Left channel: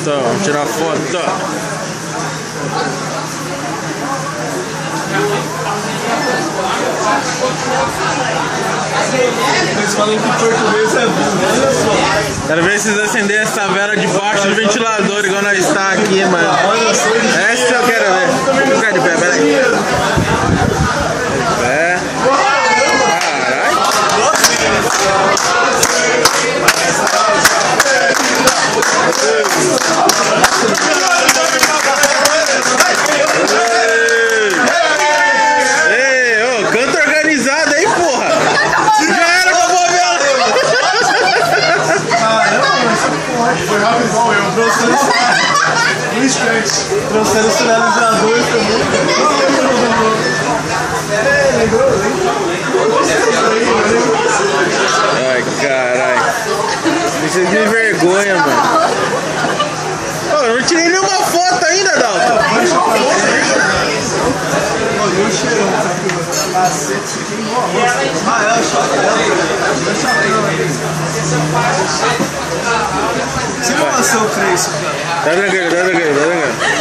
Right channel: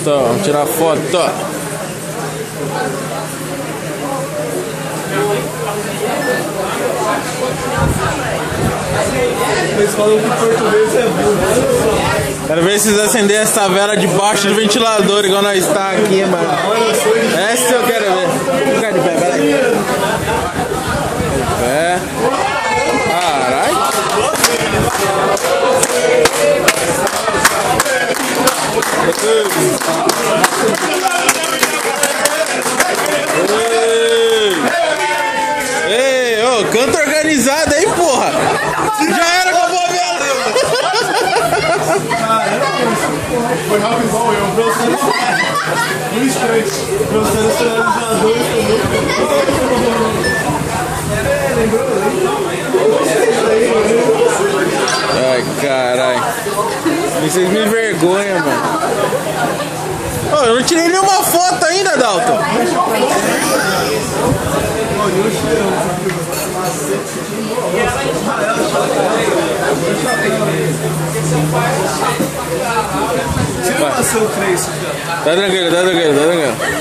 Então, vamos tirar foto. Eles falam que português é burro. Quero ver se vocês acender essa vela debaixo do ventilador, igual nós está aqui, mano. Essa eu quero ver. Vou ficar de pé, peraí. De pé. Caralho. Ei, ô, canto organizado aí, porra. Já era, acabou a vela. Foi rápido igual eu. No instante. Trouxeram os finalizadores também. Lembrou? Ai, caralho. Vocês me envergonham, mano. Ô, eu não tirei nenhuma foto ainda, Dalton. Olha o cheirão. Ah, é o chapéu. Você não é seu Cresce, cara. Tá tranquilo.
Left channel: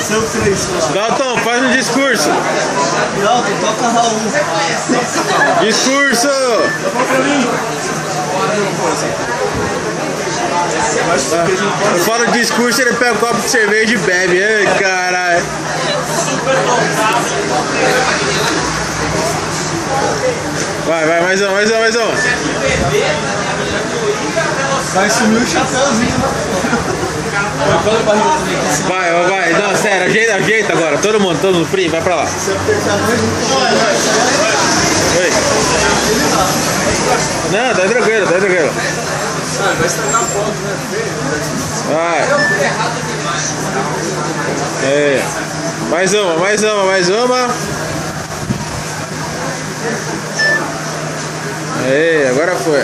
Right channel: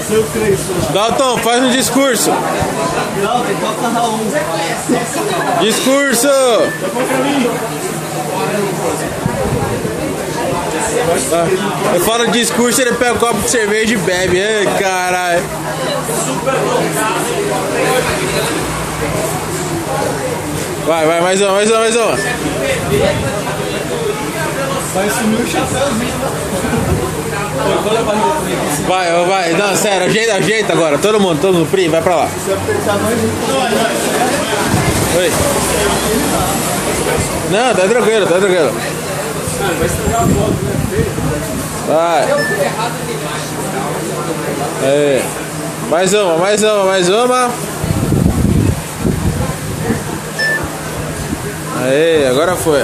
Seu Cresce lá. Dalton, faz um discurso. Dalton, toca Raul. Discurso! Toca pra mim. Eu falo discurso, ele pega um copo de cerveja e bebe. Ai, caralho. Vai, mais uma. Vai sumir o chapéuzinho, né? Vai. Não, sério, ajeita agora. Todo mundo, Pri, vai pra lá. Se apertar mais Oi. Não, tá tranquilo. vai estragar a foto, né? Vai. Aí. Mais uma. Aí, agora foi.